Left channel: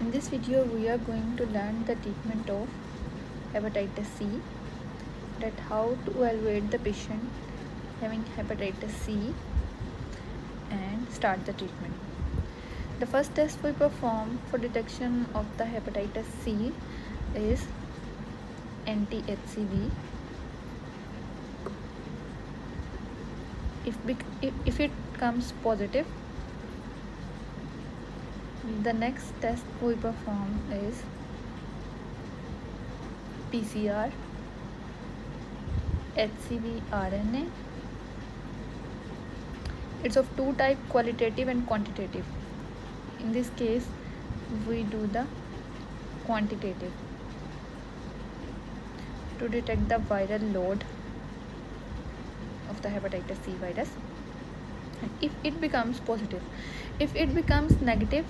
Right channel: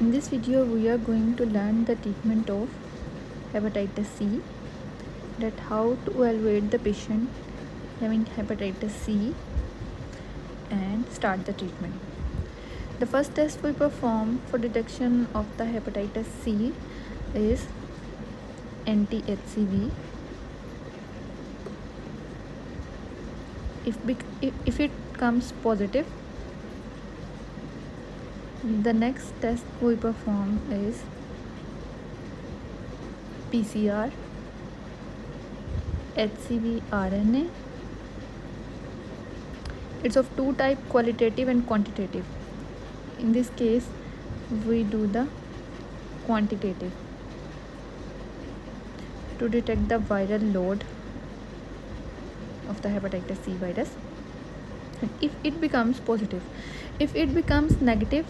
In this video we are going to learn the treatment of hepatitis C, that how to evaluate the patient having hepatitis C and start the treatment. The first test we perform for detection of the hepatitis C is anti-HCV. If it comes positive, the next test we perform is PCR, HCV RNA. It's of two types, qualitative and quantitative. In this case we do the quantitative to detect the viral load of the hepatitis C virus. And if it becomes positive, if it becomes negative,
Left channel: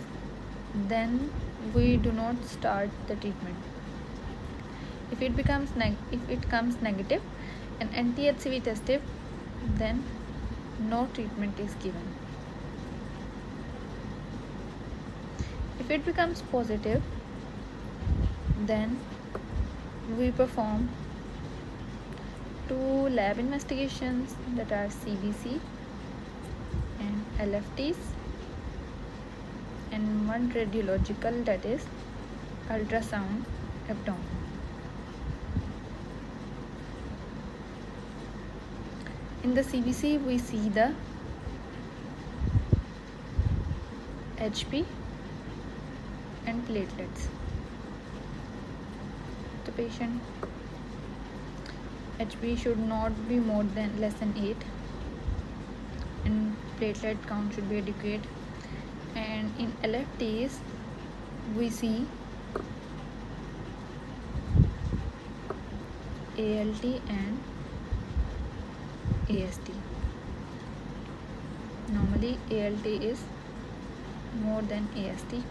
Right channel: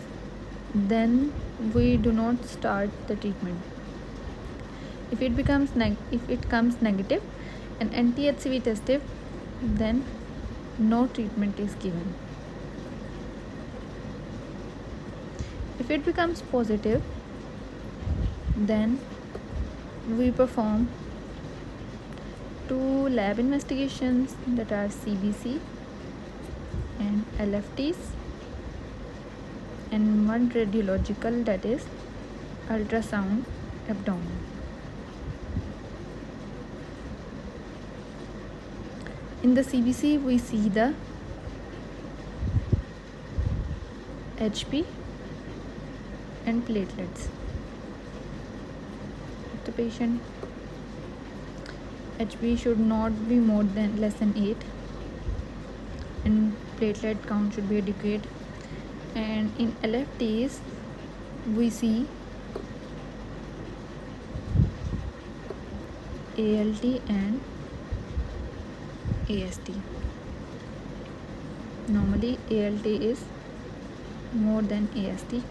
then we do not start the treatment. If it comes negative and anti-HCV tested, then no treatment is given. If it becomes positive, then we perform two lab investigations, that are CBC and LFTs, and one radiological, that is ultrasound abdomen. In the CBC we see the HP and platelets. The patient HP should not be less than 8, and platelet count should be adequate. And in LFTs we see ALT and AST. Normally ALT is more than AST,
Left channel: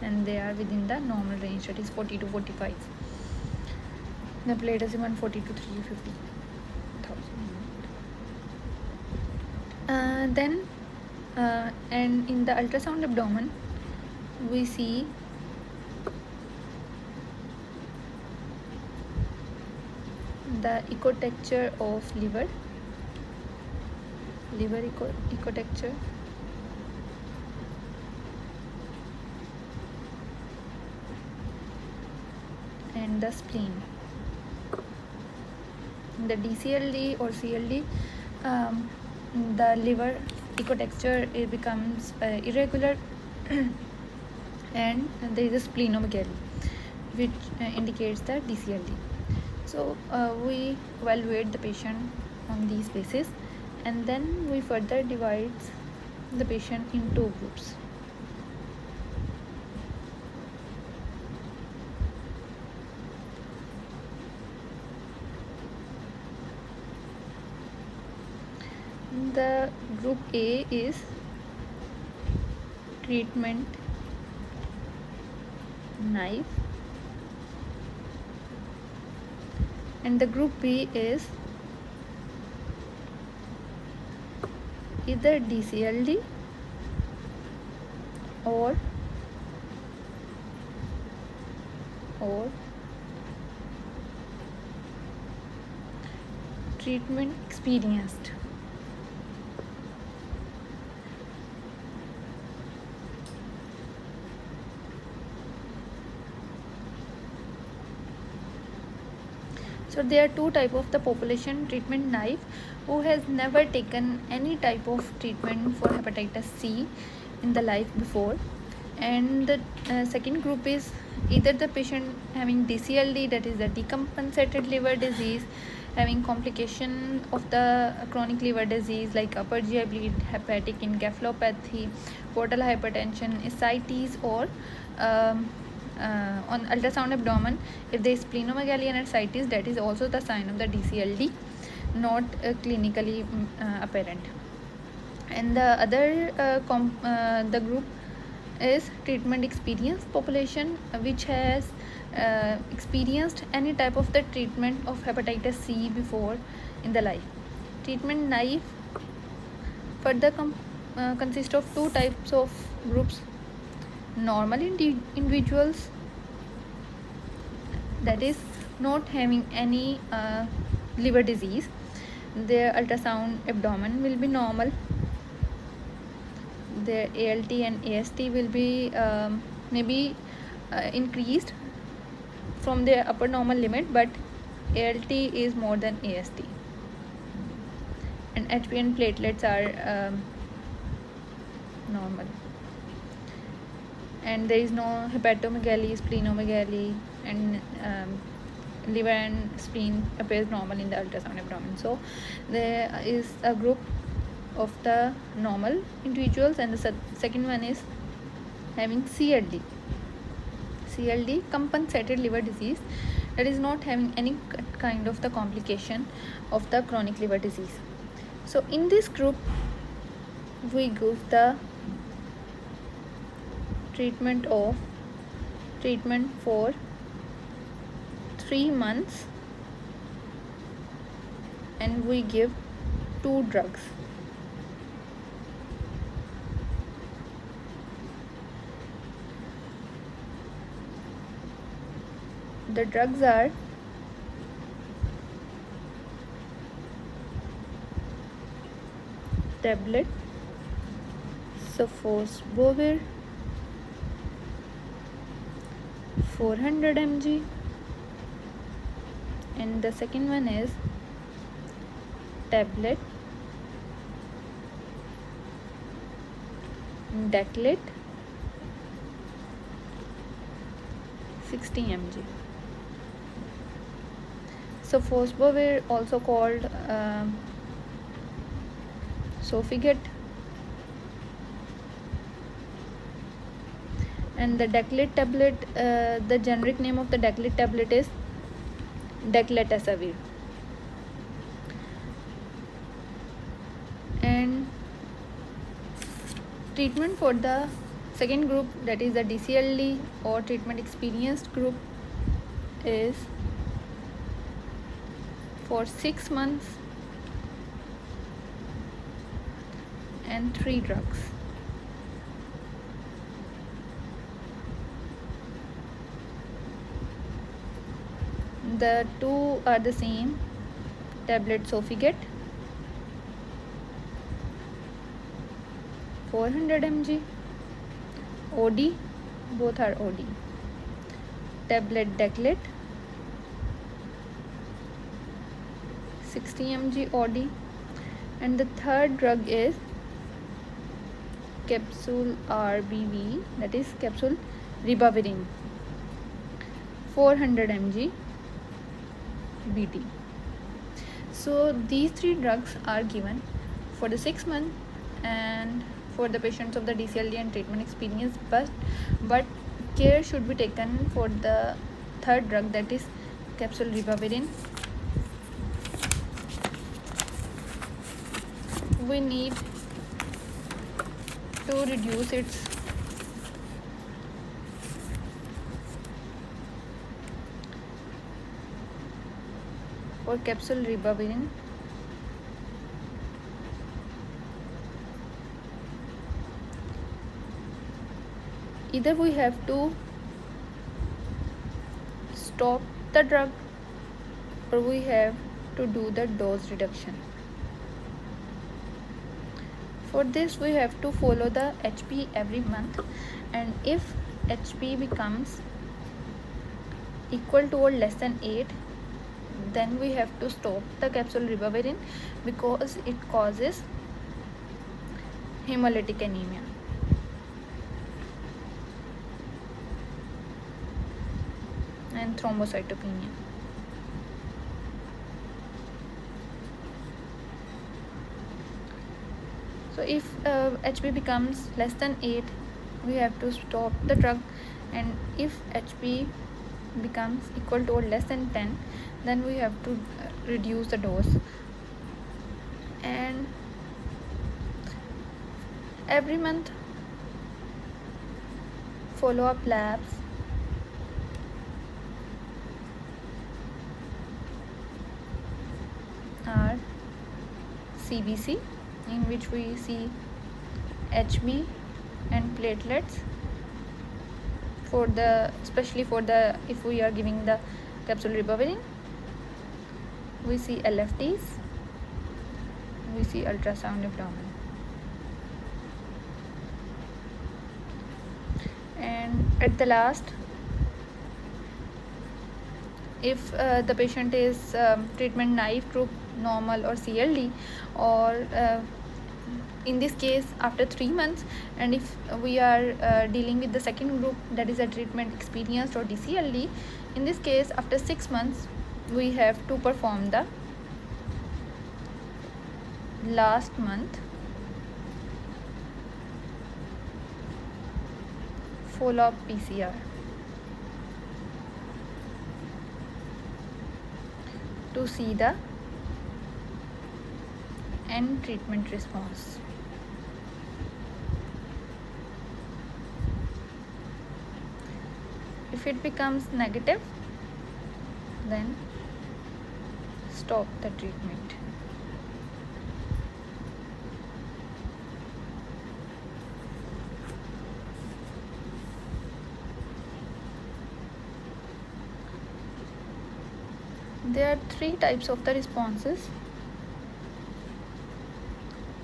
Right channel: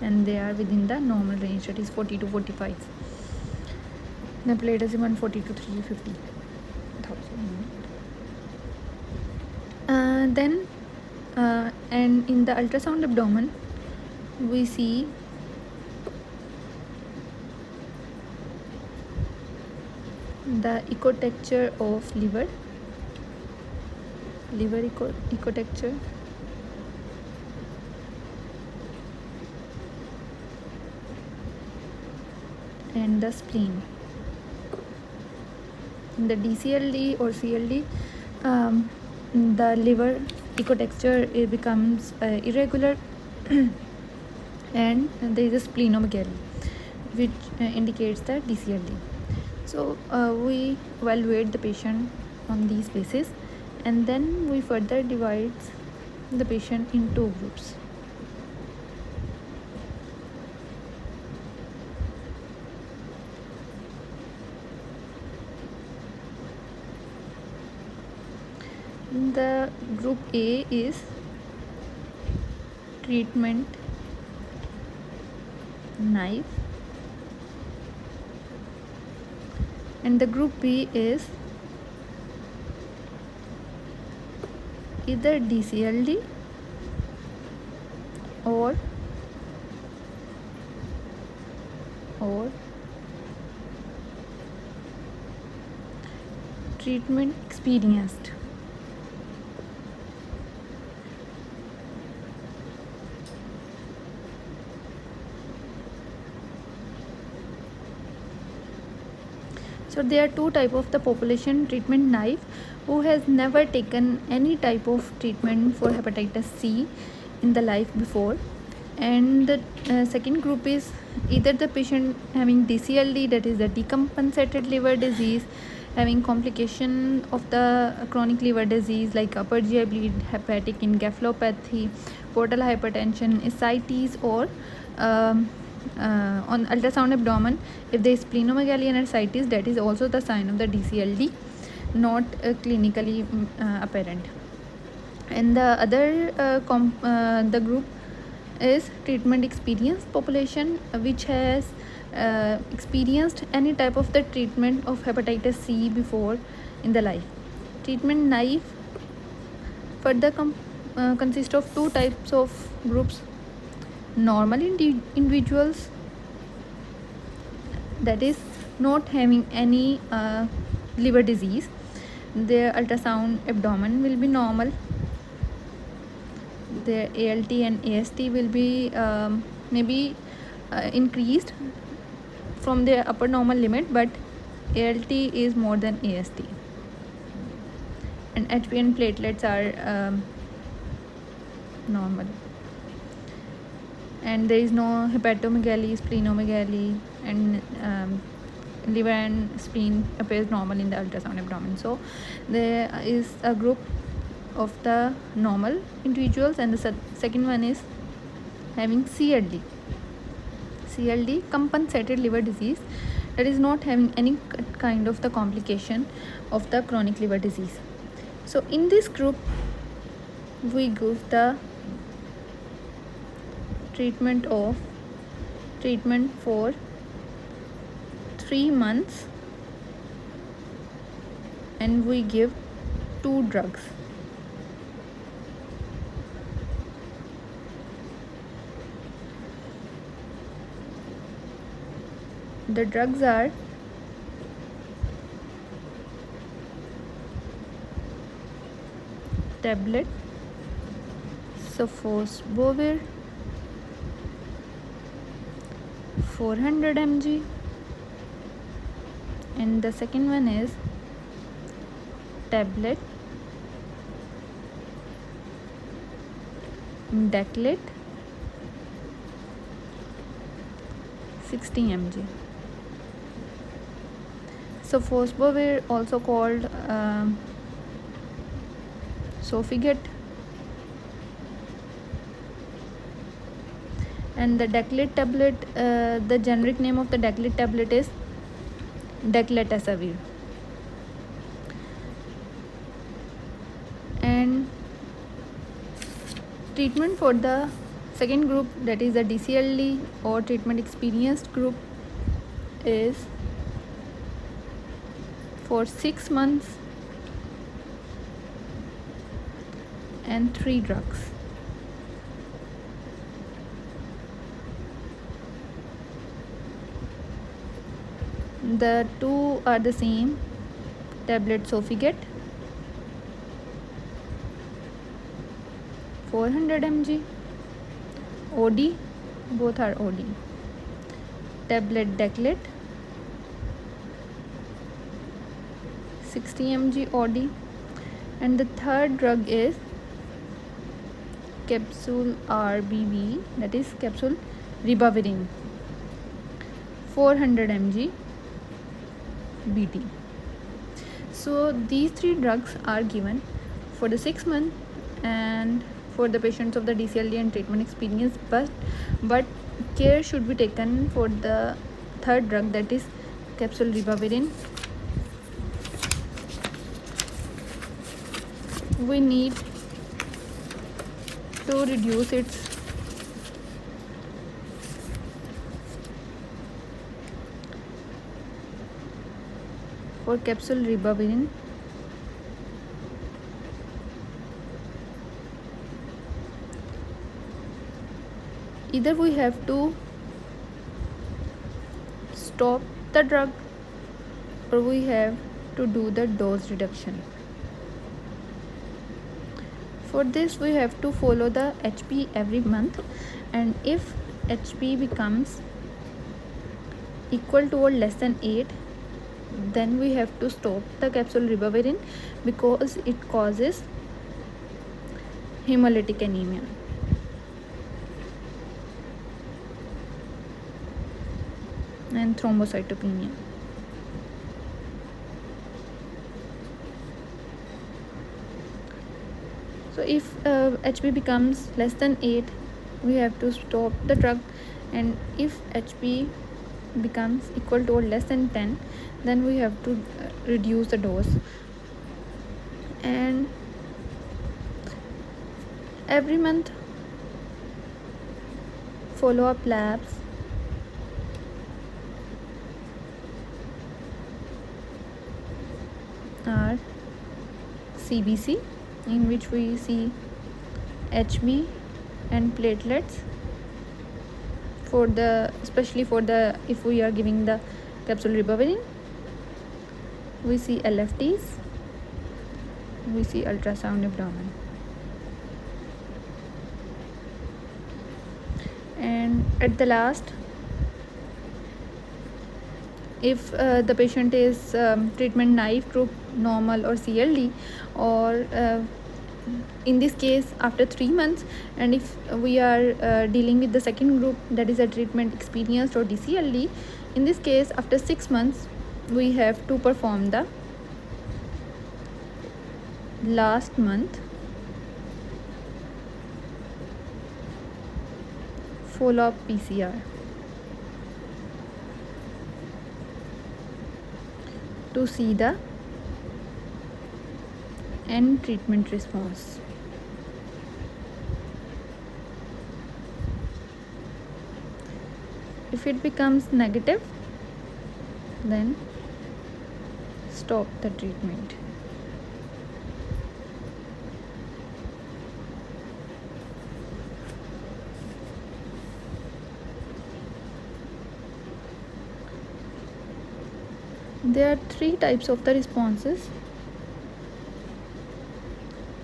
and they are within the normal range, that is 40 to 45. The platelet is 140 to 350. And in the ultrasound abdomen we see the echo texture of liver echo texture, and the spleen. In the DCLD or CLD, the liver echo texture becomes irregular and there is a splenomegaly, which indicates the DCLD. So we evaluate the patient on these basis, and then we further divide the patient in two groups. The group A is treatment naive, and the group B is either DCLD or treatment experienced. So there are two types of the population: treatment naive, who has never taken any type of treatment for hepatitis C in the life before, and the second group is either the patient having DCLD, that is the decompensated liver disease, having complication of the chronic liver disease like upper GI bleed, hepatic encephalopathy, portal hypertension, ascites, or on ultrasound abdomen, if there is splenomegaly and ascites, that is also the sign of the DCLD, not clinically apparent. And the other the group is treatment experienced population, which has experienced any type of the treatment of hepatitis C before in the life. Treatment naive further consist of two types of groups. normal individuals, that is not having any liver disease, their ultrasound abdomen will be normal, their ALT and AST will be maybe increased from their upper normal limit, but ALT is more than AST, and HP and platelets are normal, and there is no hepatomegaly, splenomegaly, and liver and spleen appears normal in the ultrasound abdomen. So there is a group of the normal individuals, and the second one is having CLD, compensated liver disease, that is not having any kind of the complication of the chronic liver disease. So in this group we give the treatment for 3 months, and we give 2 drugs. The drugs are tablet sofosbuvir 400 mg, and the second one is tablet Daclet 60 mg. Sofosbuvir, also called Sofigate, and the Daclet tablet, the generic name of the Daclet tablet is Dacletasavir. And treatment for the second group, that is the DCLD or treatment experienced group, is for 6 months and 3 drugs. The two are the same, tablet Sofigate 400 mg, OD, both are OD, tablet Daclet 60 mg OD, and the third drug is capsule RBV, that is capsule ribavirin 400 mg BT. So these 3 drugs are given for the 6 months and for the patients of the DCLD and treatment experience, but care should be taken for the third drug, that is capsule ribavirin. We need to reduce its for capsule ribavirin, either we have to stop the drug or we have to do the dose reduction. For this we have to follow the HP every month, and if HP becomes equal to or less than 8, then we have to stop the capsule ribavirin because it causes hemolytic anemia. And thrombocytopenia. So if HP becomes less than 8, we have to stop the drug, and if HP becomes equal to or less than 10, then we have to reduce the dose. And every month follow-up labs are CBC, in which we see HB and platelets, for the, especially for the, if we are giving the capsule ribavirin, we see LFTs, we see ultrasound abdomen. And at the last, if the patient is treatment naive to normal or CLD, or in this case after 3 months, and if we are dealing with the second group, that is a treatment experienced or DCLD, in this case after 6 months we have to perform the last month follow-up PCR to see the end treatment response. If it becomes negative, then stop the treatment. There are 3 types of the responses.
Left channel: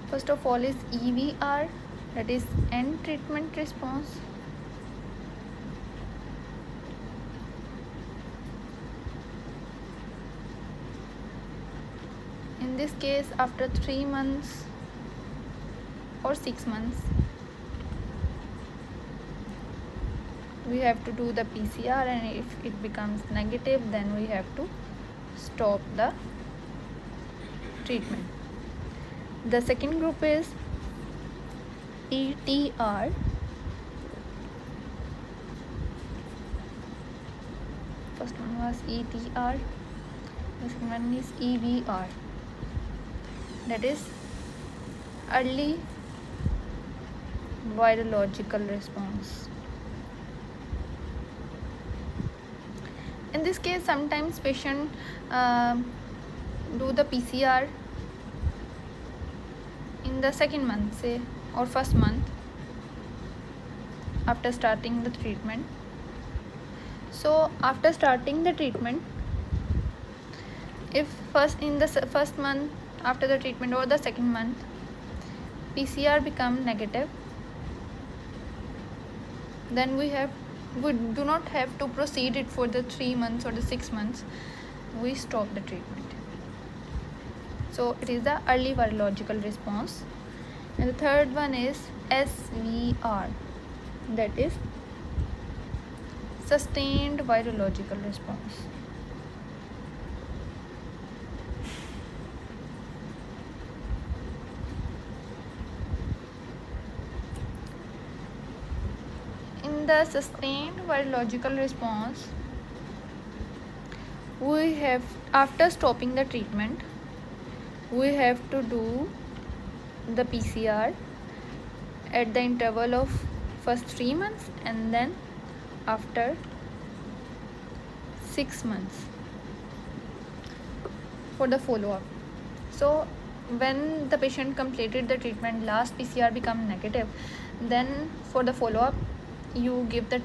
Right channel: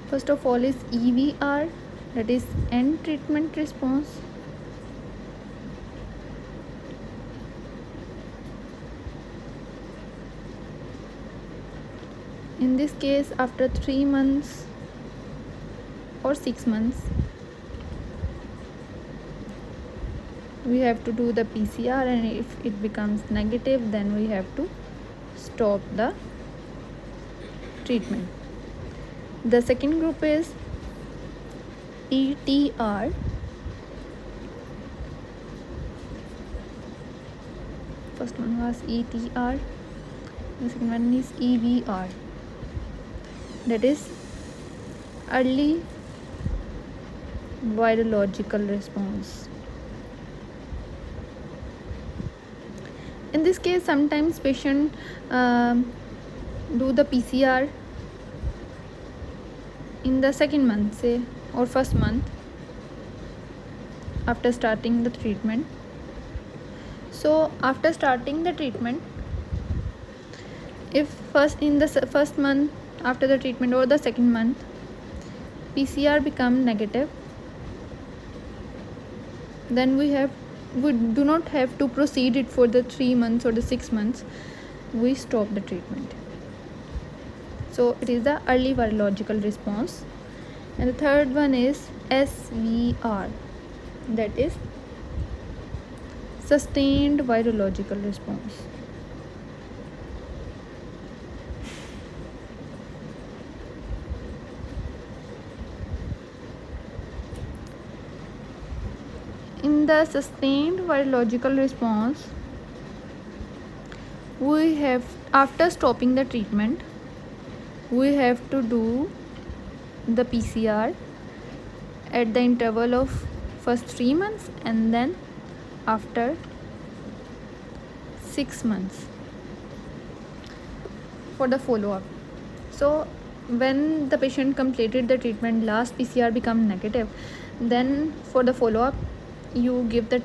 First of all is EVR, that is end treatment response. In this case, after 3 months or 6 months, we have to do the PCR, and if it becomes negative, then we have to stop the treatment. The second group is ETR. First one was ETR, the second one is EVR, that is early virological response. In this case, sometimes patient do the PCR in the second month, say, or first month after starting the treatment. So after starting the treatment, if in the first month after the treatment or the second month PCR become negative, then we do not have to proceed it for the 3 months or the 6 months. We stop the treatment. So it is the early virological response. And the third one is SVR, that is sustained virological response. In the sustained virological response, we have, after stopping the treatment, we have to do the PCR at the interval of first 3 months and then after 6 months for the follow-up. So when the patient completed the treatment, last PCR become negative, then for the follow-up you give the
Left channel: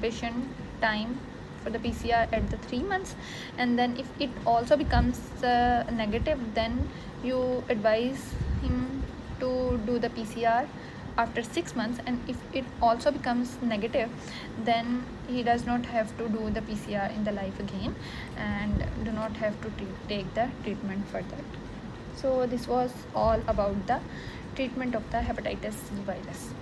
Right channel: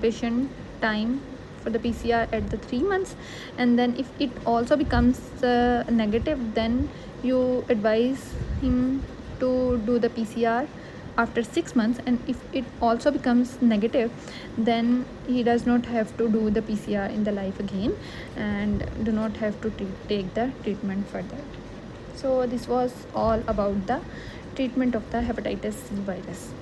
patient time for the PCR at the 3 months, and then if it also becomes negative, then you advise him to do the PCR after 6 months, and if it also becomes negative, then he does not have to do the PCR in the life again and do not have to take the treatment further. So this was all about the treatment of the hepatitis C virus.